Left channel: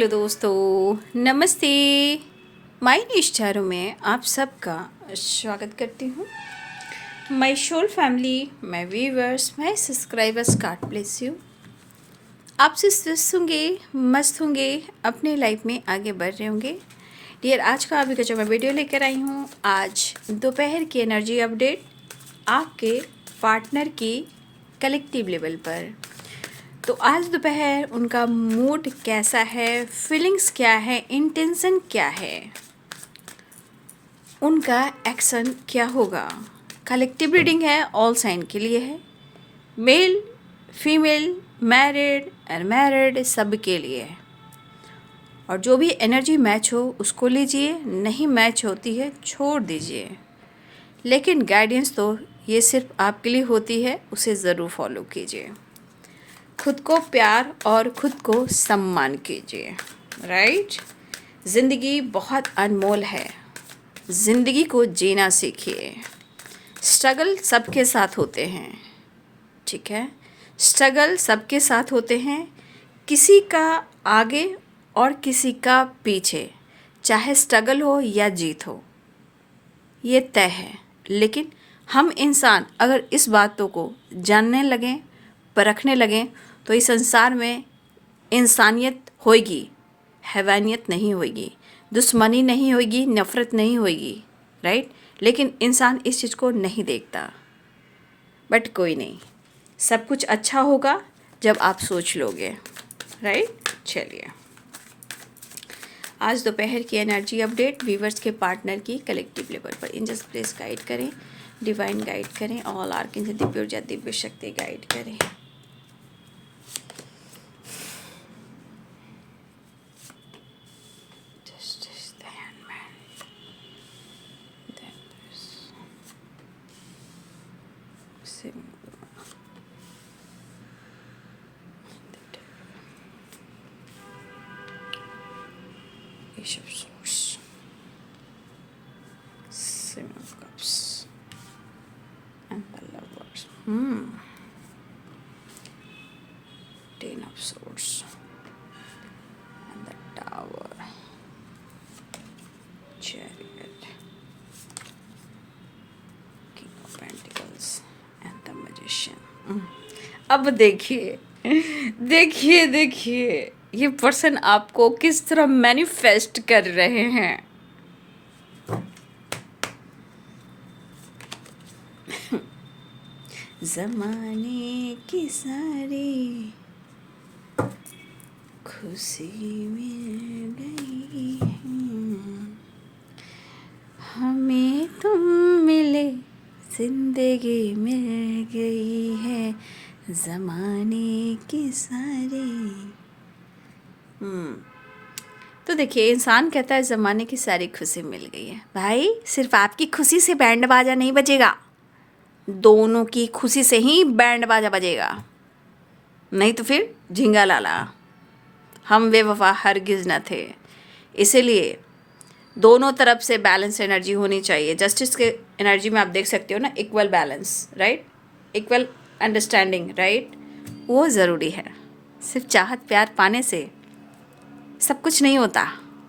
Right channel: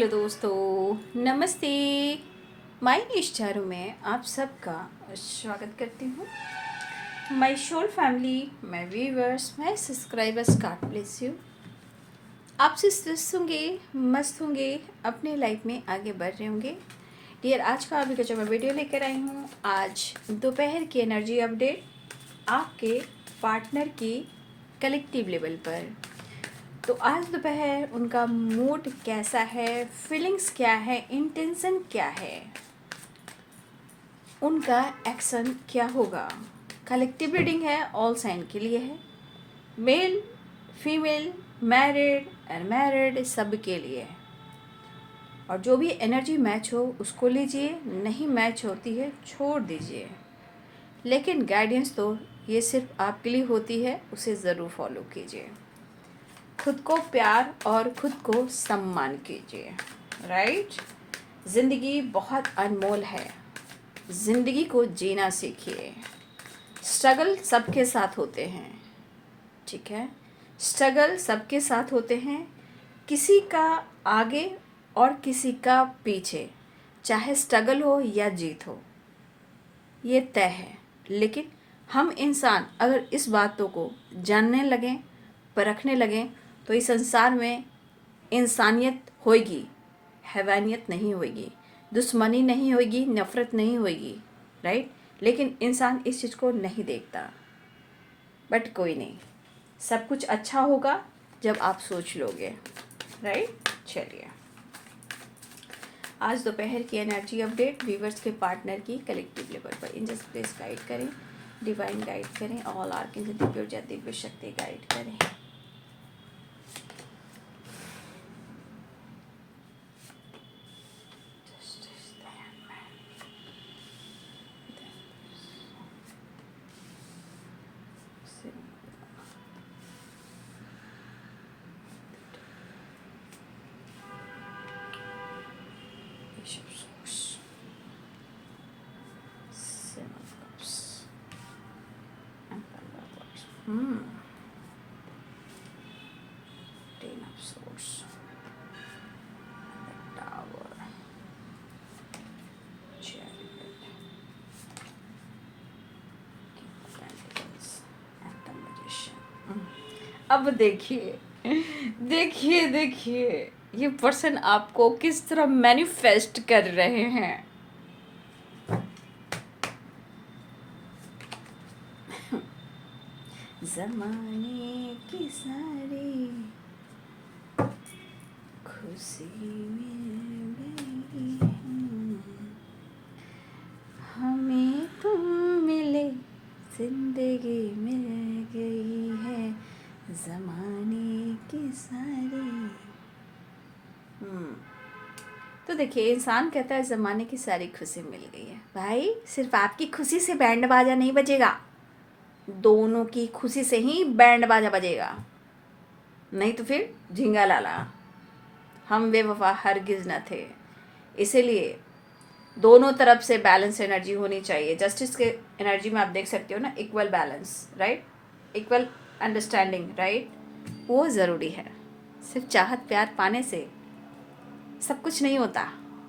Hello दोस्तों, नमस्ते। My निश चारों में आप सबका स्वागत करती हूँ। My soul family, my viewers, my subscribers, God bless you. आपसे स्वस्थ होंगे, मस्त होंगे, अपने लाइफ में आगे बढ़ रहे होंगे। डियर, आज का अभी का जो मैं वीडियो लेकर आई हूँ, आज दोपहर की एनर्जी अपडेट आपके पार्टनर की कलेक्टिव लेवल पर। तो आज दोपहर उनका मूड कैसा है, फीलिंग्स क्या है, इंटेंशन क्या है, उनका एक्शन क्या होगा। कलेक्टिव रीडिंग है, ऑल साइन के लिए है, मेल फीमेल, मैरिड अनमैरिड, सब के लिए है। और जो भी एनर्जी मैच हो उसको लीजिए, नहीं मैच होती है छोड़ दीजिए। लेकिन गाइडेंस तो ये सिर्फ आपके लिए होती है, उसे ज़रूर फॉलो कीजिए। खुद को प्यार और खुद को सम्मान कीजिए। राइट। ज़िंदगी बहुत अनमोल है, ज़िंदगी को जीना सीखिए। स्ट्रगल सबके साथ होते हैं, ठीक है, स्ट्रगल सबके साथ होते हैं, किसी का आगे और किसी का पीछे, चाहे स्ट्रगल हो या जीत हो, ये तय है। लेकिन हम इंसान अगर इस बातों को जानने लगें, परखने लगें, तो इस संसार में इंसानियत होगी, हैवानियत नहीं होगी, दुश्मनी नहीं होगी, नफ़रत नहीं होगी। राइट। लेकिन इंसान इस चीज़ को नहीं देखता। बट कोई नहीं, सब कुछ अच्छा होगा जब आप सोच लोगे। राइट। चलिए, आज दोपहर की एनर्जी अपडेट व्यूवर्स के पार्टनर की कलेक्टिव लेवल पर। एंजल्स प्लीज गाइड करें, डिवाइन गाइड करें, ऑल आर्किन से दिव्य ऊर्जा, दिव्य शक्ति गाइड करें। Ten of Swords and the Tower, Chariot, King of Pentacles and the Magician। अब देखिए देखिए देखिए ये पर्सन आपको किस तरह मैनिफेस्ट कर रहे हैं। ज़माने की सारी खुशी मिल गई, हमें तुम मिले, जिंदगी मिल गई है, ज़माने की सारी। तो देखिए, इंसान कहता है ज़माने की सारी खुशी मिल गई है। भाई, सिर्फ आपकी खुशी से बैंड बाजा नहीं बजेगा, दोनों की खुशी से ही बैंड बाजा बजेगा। नहीं तो फिर झिंगा लाला, हम बेवफा हरगिज़ न थे। इसीलिए दोनों तरफ से बैलेंस एनर्जी होनी चाहिए। जस्टिस के एनर्जी में आप देख सकते हो ना, equal balance, right, equal understanding, right, वो ज़रूरी है। सिर्फ चाहत प्यार पाने से सब कुछ नहीं होता।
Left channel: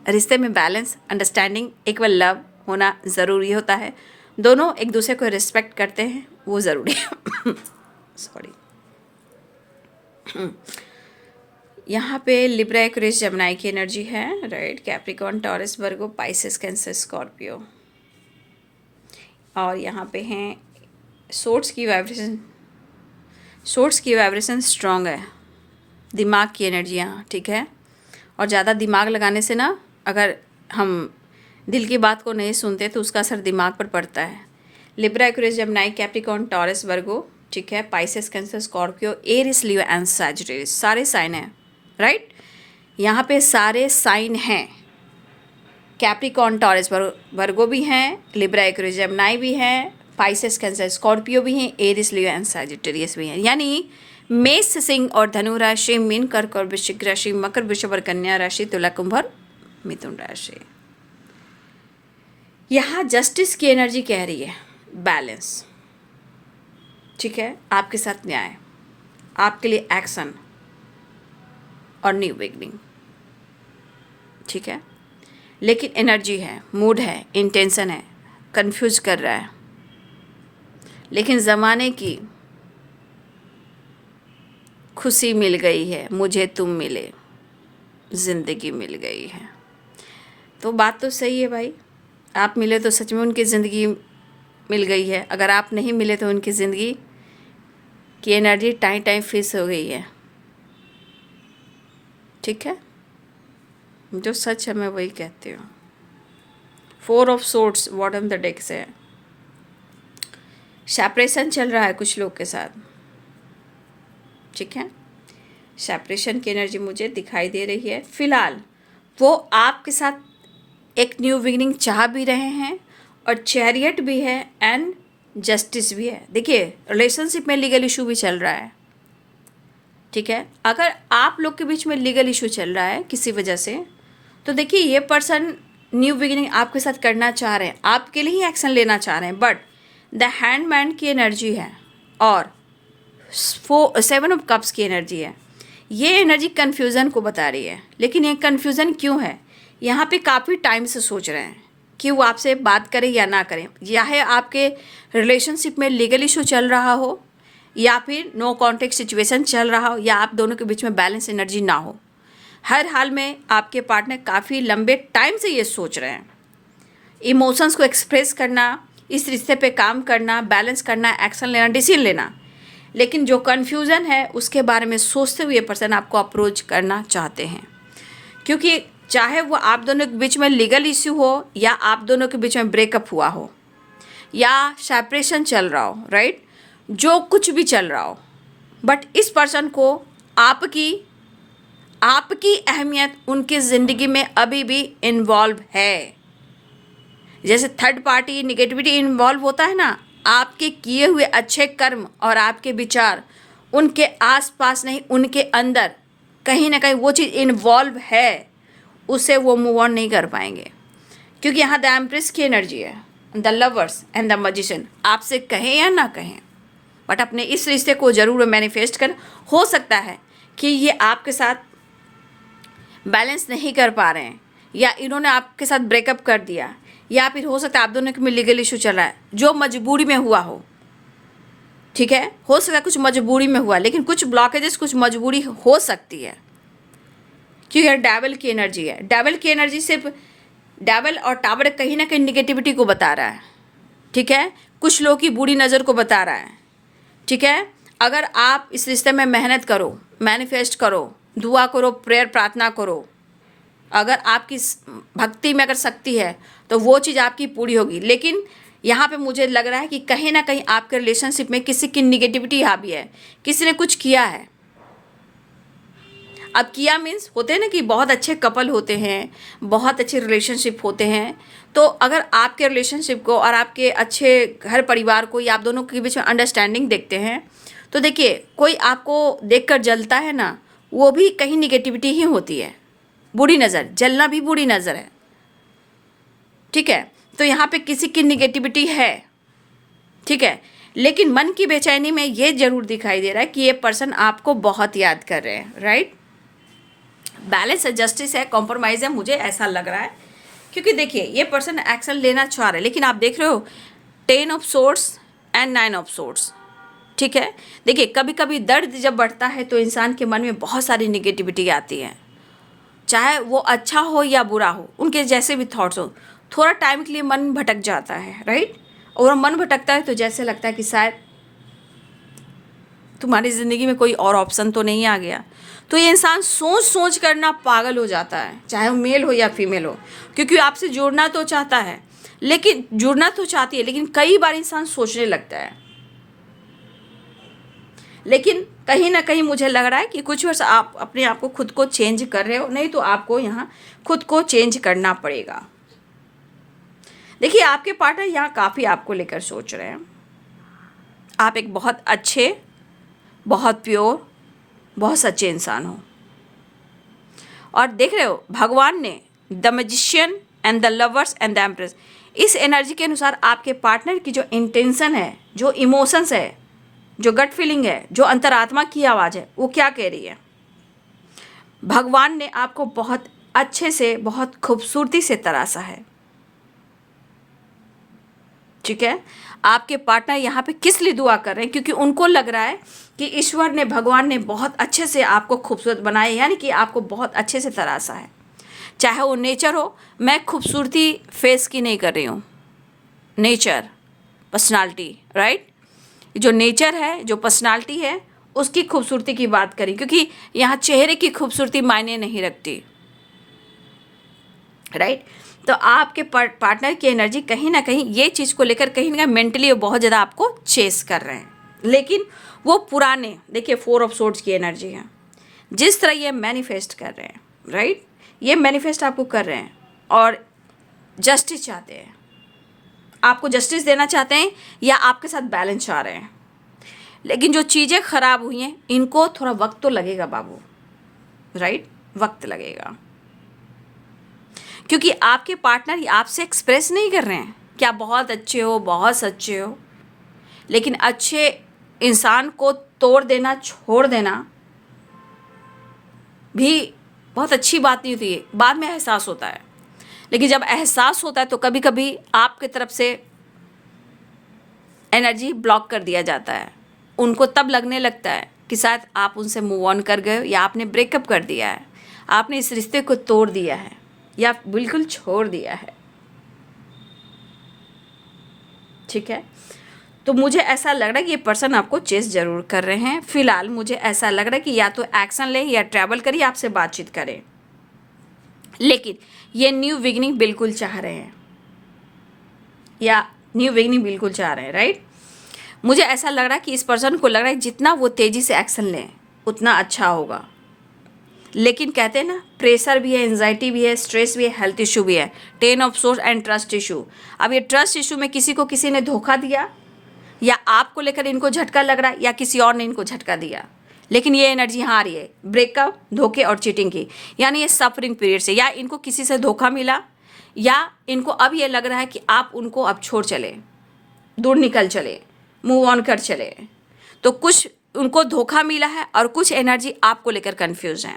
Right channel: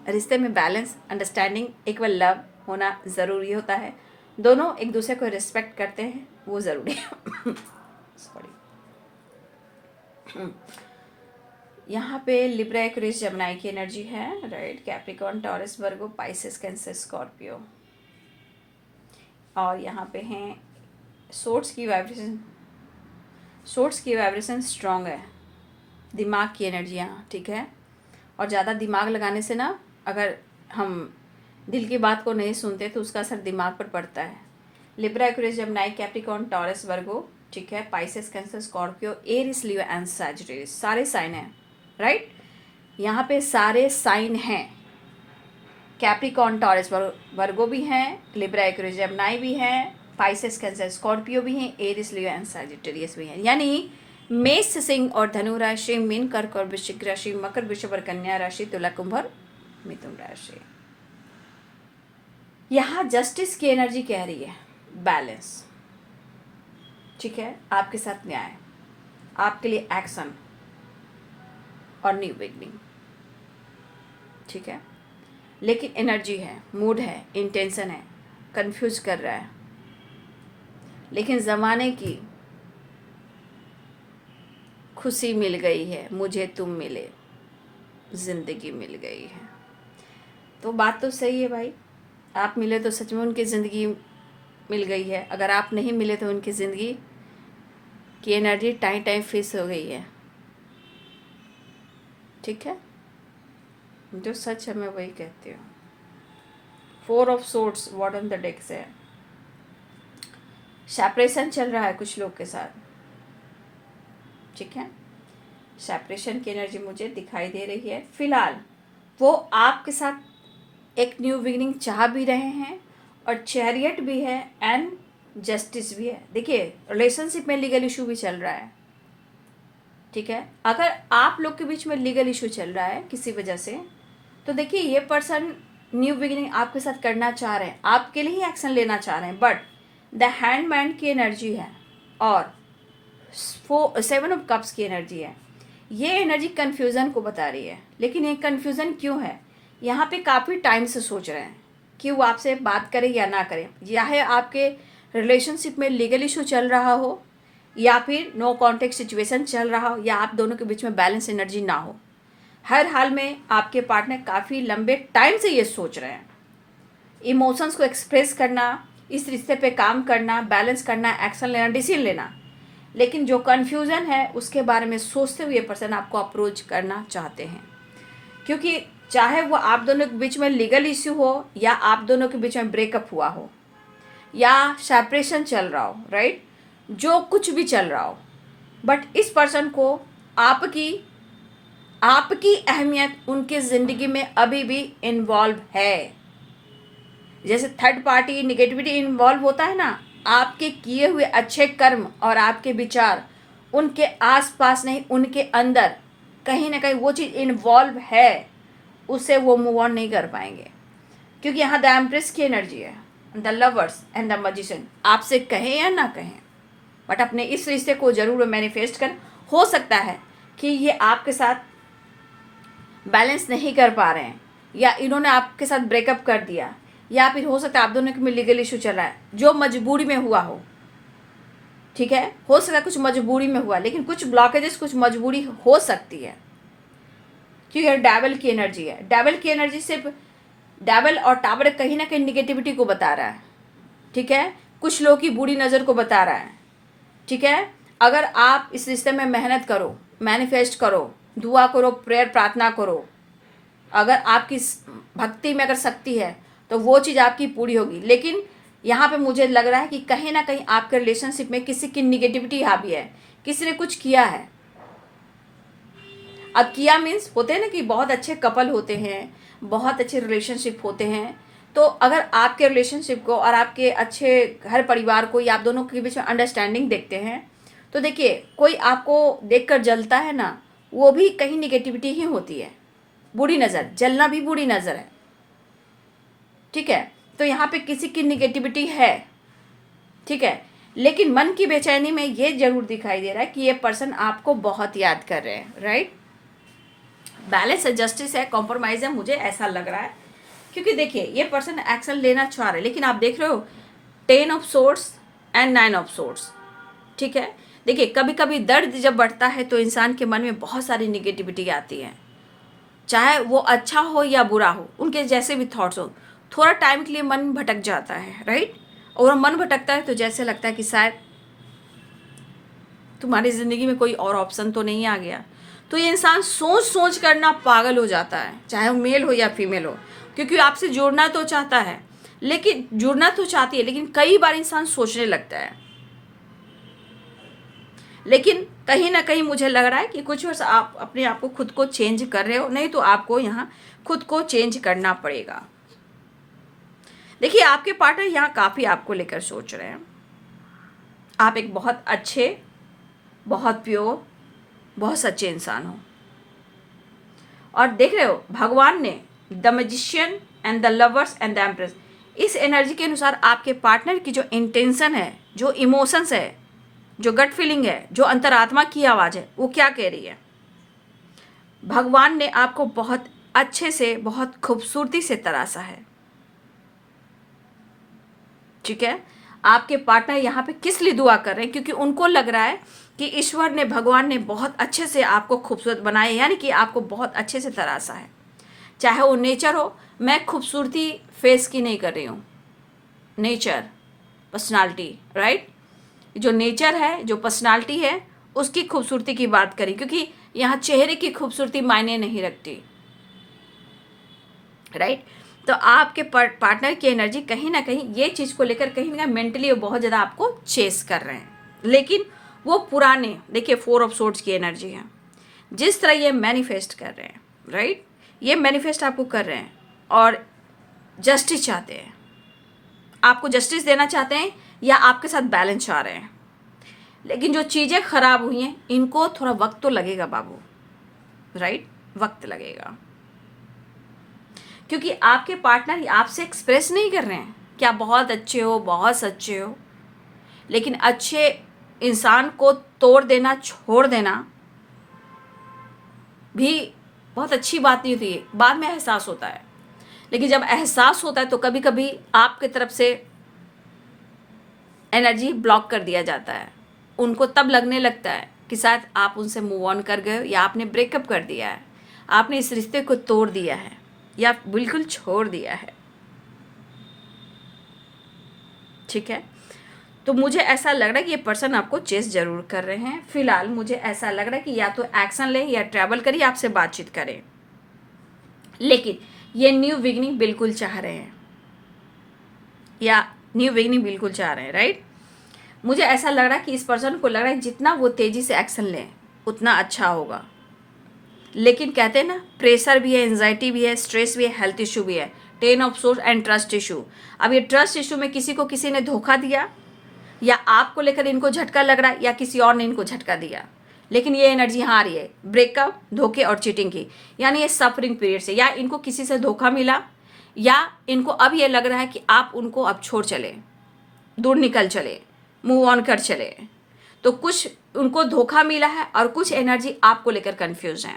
रिश्ते में बैलेंस, अंडरस्टैंडिंग, इक्वल लव होना ज़रूरी होता है। दोनों एक दूसरे को रिस्पेक्ट करते हैं, वो ज़रूरी है। सॉरी। यहाँ पे लिब्रा, एक्वेरियस, जेमिनी की एनर्जी है, राइट, कैप्रिकॉर्न, टॉरस, वर्गो, पाइसेस, कैंसर, स्कॉर्पियो। और यहाँ पे हैं सोर्ड्स की वाइब्रेशन, सोर्ड्स की वाइब्रेशन स्ट्रॉन्ग है, दिमाग की एनर्जियाँ, ठीक है। और ज़्यादा दिमाग लगाने से ना, अगर हम दिल की बात को नहीं सुनते तो उसका असर दिमाग पर पड़ता है। Libra, Aquarius, Gemini, Capricorn, Taurus, Virgo, ठीक है, Pisces, Cancer, Scorpio, Aries, Leo and Sagittarius, सारे साइन हैं, राइट। यहाँ पे सारे साइन हैं। कैप्रिकॉर्न, टॉरस, वर्गो भी हैं, लिब्रा, एक्वेरियस, जेमिनी भी हैं, पाइसेस, कैंसर, स्कॉर्पियो भी हैं, एरिस, लियो एंड सैजिटेरियस भी हैं। यानी मेष, सिंह और धनु राशि, मीन, कर्क और वृश्चिक राशि, मकर, वृषभ और कन्या राशि, तुला, कुंभ और मिथुन राशि। यहाँ जस्टिस की एनर्जी कह रही है बैलेंस, ठीक है, आपके साथ न्याय, आपके लिए एक्शन और न्यू बिगनिंग। ठीक है, लेकिन एनर्जी है, मूड है, इंटेंशन है, कंफ्यूज कर रहा है, लेकिन ज़माने की खुशी मिल गई है, मुझे तुम मिले, ज़िंदगी मिल गई है। तो बात तो सही है भाई, आप मिले तो सच में उनकी ज़िंदगी मिल गई है, अगर आप नहीं मिले तो उनकी ज़िंदगी की एनर्जी टाइम टाइम फिक्स हो गई है। ठीक है, जो सच है मैं वही कहती हूँ। 4 of swords bottom the deck से है, सेपरेशन चल रहा है कुछ लोग के साथ। ठीक है, सेपरेशन की एनर्जी मुझे दिखाई दे रही है। फिलहाल वो आपके साथ एक न्यू बिगिनिंग चाह भी रहे हैं, और चैरियट भी है एंड जस्टिस भी है। देखिए, रिलेशनशिप में लीगल इशू भी चल रहा है। ठीक है, अगर आप लोग के बीच में लीगल इशू चल रहा है किसी वजह से, तो देखिए ये पर्सन न्यू बिगिनिंग आपके साथ करना चाह रहे हैं, आपके लिए ही एक्शन लेना चाह रहे हैं, बट द हैंडमैन की एनर्जी है और 7 ऑफ कप्स की एनर्जी है। ये एनर्जी कन्फ्यूज़न को बता रही है, लेकिन ये कन्फ्यूज़न क्यों है? यहाँ पे काफ़ी टाइम से सोच रहे हैं कि वो आपसे बात करें या ना करें, या है आपके रिलेशनशिप में लीगल इशू चल रहा हो, या फिर नो कॉन्टेक्ट सिचुएशन चल रहा हो, या आप दोनों के बीच में बैलेंस एनर्जी ना हो। हर हाल में आपके पार्टनर काफ़ी लंबे टाइम से ये सोच रहे हैं, इमोशंस को एक्सप्रेस करना, इस रिश्ते पे काम करना, बैलेंस करना, एक्शन लेना, डिसीजन लेना, लेकिन जो कन्फ्यूज़न है उसके बारे में सोचते हुए पर्सन आपको अप्रोच करना चाहते हैं। क्योंकि चाहे वो आप दोनों के बीच में लीगल इश्यू हो, या आप दोनों के बीच में ब्रेकअप हुआ हो, या सेपरेशन चल रहा हो, राइट, जो कुछ भी चल रहा हो, बट इस पर्सन को आपकी अहमियत उनकी ज़िंदगी में अभी भी इन्वॉल्व है। जैसे थर्ड पार्टी निगेटिविटी इन्वॉल्व होता है ना, आपके किए हुए अच्छे कर्म और आपके विचार उनके आसपास नहीं, उनके अंदर कहीं ना कहीं वो चीज़ इन्वॉल्व है, उसे वो मूव ऑन नहीं कर पाएंगे। क्योंकि यहाँ द एम्प्रेस की एनर्जी है, the lovers and the magician. आपसे कहें या ना कहें, बट अपने इस रिश्ते को ज़रूर मैनिफेस्ट कर। हो सकता है कि ये आपके साथ बैलेंस नहीं कर पा रहे हैं, या इन्होंने आपके साथ ब्रेकअप कर दिया, या फिर हो सकता है आप दोनों के में लीगल इशू चल रहा है जो मजबूरी में हुआ हो। ठीक है, हो सकता है कुछ मजबूरी में हुआ, लेकिन कुछ ब्लॉकेजेस, कुछ मजबूरी हो सकती है, क्योंकि डेविल की एनर्जी है। डेविल की एनर्जी सिर्फ डेविल और टावर कहीं ना कहीं निगेटिविटी को बता रहा है। ठीक है, कुछ लोगों की बुरी नज़र को बता रहा है। ठीक है, अगर आप इस रिश्ते में मेहनत करो, मैनिफेस्ट करो, दुआ करो, प्रेयर प्रार्थना करो, अगर आपकी भक्ति में अगर शक्ति है तो वो चीज़ आपकी पूरी होगी। लेकिन यहाँ पे मुझे लग रहा है कि कहीं ना कहीं आपके रिलेशनशिप में किसी की निगेटिविटी हावी है, किसी ने कुछ किया है। अब किया मीन्स होते हैं ना कि बहुत अच्छे कपल होते हैं, बहुत अच्छे रिलेशनशिप होते हैं, तो अगर आपके रिलेशनशिप को और आपके अच्छे घर परिवार को या आप दोनों के बीच में अंडरस्टैंडिंग देखते हैं, तो देखिए कोई आपको देखकर जलता है ना, वो भी कहीं निगेटिविटी ही होती है। बुरी नज़र, जलना भी बुरी नज़र है। ठीक है, तो यहाँ पे किसी की निगेटिविटी है। ठीक है, लेकिन मन की बेचैनी में ये जरूर दिखाई दे रहा है कि ये पर्सन आपको बहुत याद कर रहे हैं, राइट। बैलेंस है, जस्टिस है, कॉम्प्रोमाइज़ है, मुझे ऐसा लग रहा है। क्योंकि देखिए ये पर्सन एक्शन लेना चाह रहे हैं, लेकिन आप देख रहे हो 10 of swords and 9 of swords. ठीक है, देखिए कभी कभी दर्द जब बढ़ता है तो इंसान के मन में बहुत सारी निगेटिविटी आती है, चाहे वो अच्छा हो या बुरा हो, उनके जैसे भी थॉट्स हो, थोड़ा टाइम के लिए मन भटक जाता है, राइट। और मन भटकता है तो जैसे लगता है कि शायद तुम्हारी ज़िंदगी में कोई और ऑप्शन तो नहीं आ गया। तो ये इंसान सोच सोच कर ना पागल हो जाता है, चाहे वो मेल हो या फीमेल हो, क्योंकि आपसे जुड़ना तो चाहता है, लेकिन जुड़ना तो चाहती है, लेकिन कई बार इंसान सोचने लगता है। लेकिन कहीं ना कहीं मुझे लग रहा है कि कुछ वर्ष आप अपने आप को खुद को चेंज कर रहे हो, नहीं तो आपको यहाँ खुद को चेंज करना पड़ेगा। देखिए आपके पार्टनर यहाँ काफ़ी आपको लेकर सोच रहे हैं। आप एक बहुत अच्छे, बहुत प्योर, बहुत सच्चे इंसान हो। और देख रहे हो भगवान ने the magician and the lovers and the empress, इस एनर्जी के अनुसार आपके पार्टनर की जो इंटेंशन है, जो इमोशंस है, जो गट फीलिंग है, जो अंतरात्मा की आवाज़ है, वो क्या कह रही है। भगवान ने आपको बहुत अच्छे से, बहुत खूबसूरती से तराशा है। ठीक है, आपके पार्टनर यहाँ पे किस लिए दुआ कर रहे हैं? क्योंकि उनको लग रहा है कि ईश्वर ने, भगवान ने बहुत अच्छे से आपको खूबसूरत बनाया, यानी कि आपको बहुत अच्छे से तराशा है। चाहे वो नेचर हो, मैं खूबसूरती फेस की नहीं कर रही हूँ, नेचर, पर्सनालिटी, राइट। जो नेचर है, जो पर्सनालिटी है, उसकी खूबसूरती की बात करें, क्योंकि यहाँ चेहरे की खूबसूरती मायने नहीं रखती, राइट। तो आपके पार्टनर की एनर्जी कहीं ना कहीं ये चीज़ को लेकर कहीं ना कहीं मेंटली बहुत ज़्यादा आपको चेस कर रहे हैं, लेकिन वो पुराने, देखिए 4 ऑफ सोर्ड्स की एनर्जी है। जिस तरह ये मैनिफेस्ट कर रहे हैं, राइट, ये मैनिफेस्ट आपको कर रहे हैं और जस्टिस चाहते हैं, आपको जस्टिस देना चाहते हैं या आपके साथ बैलेंस चाह रहे हैं। लेकिन जो चीज़ें खराब हुई हैं, इनको थोड़ा वक्त तो लगेगा बाबू, राइट, वक्त लगेगा। क्योंकि आपके पार्टनर आपसे एक्सप्रेस नहीं कर रहे हैं कि आप बहुत अच्छे हो, बहुत सच्चे हो, लेकिन अच्छे इंसान को तोड़ देना, छोड़ देना भी बहुत अच्छी बात नहीं होती है, बाद में एहसास होता है। लेकिन जब एहसास होता है तो कभी कभी आपके तरफ से एनर्जी ब्लॉक कर दिया जाता है। उनको तब लगने लगता है कि शायद आप उनसे मूव ऑन कर गए हो, या आपने ब्रेकअप कर दिया है, आपने इस रिश्ते को तोड़ दिया है, या बिल्कुल छोड़ दिया है। ठीक है, तो मुझे ऐसा लग रहा है कि ये पर्सन आपको चेस जरूर कर रहे हैं। फिलहाल मुझे ऐसा लग रहा है कि या तो एक्शन ले, या ट्रैवल करिए, आपसे बातचीत करें, लेकिन ये न्यू बिगिनिंग बिल्कुल चाह रहे हैं, या न्यू बिगिनिंग बिल्कुल चाह रहे हैं, राइट। मुझे ऐसा लग रहा है कि इस पर्सन को लग रहा है जितना वो तेज़ी से एक्शन लें उतना अच्छा होगा। लेकिन कहते हैं ना, प्रेशर भी है, एंजाइटी भी है, स्ट्रेस भी है, हेल्थ इशू भी है, 10 of source and trust issue. अब ये ट्रस्ट इशू में किसी को किसी ने धोखा दिया, या आपको लेकर इनको झटका लग रहा है, या किसी और ने इनको झटका दिया। लेकिन ये एनर्जी यहाँ आ रही है ब्रेकअप, धोखे और चीटिंग की, यानी ये सफरिंग पीरियड से, या इनको किसी से धोखा मिला, या इनको अब ये लग रहा है कि आप उनको अब छोड़ चले, दूर निकल चले, मूव ऑन कर चले। तो कुछ उनको धोखा मिला है और कुछ एनर्जी आपको लेकर कंफ्यूज है।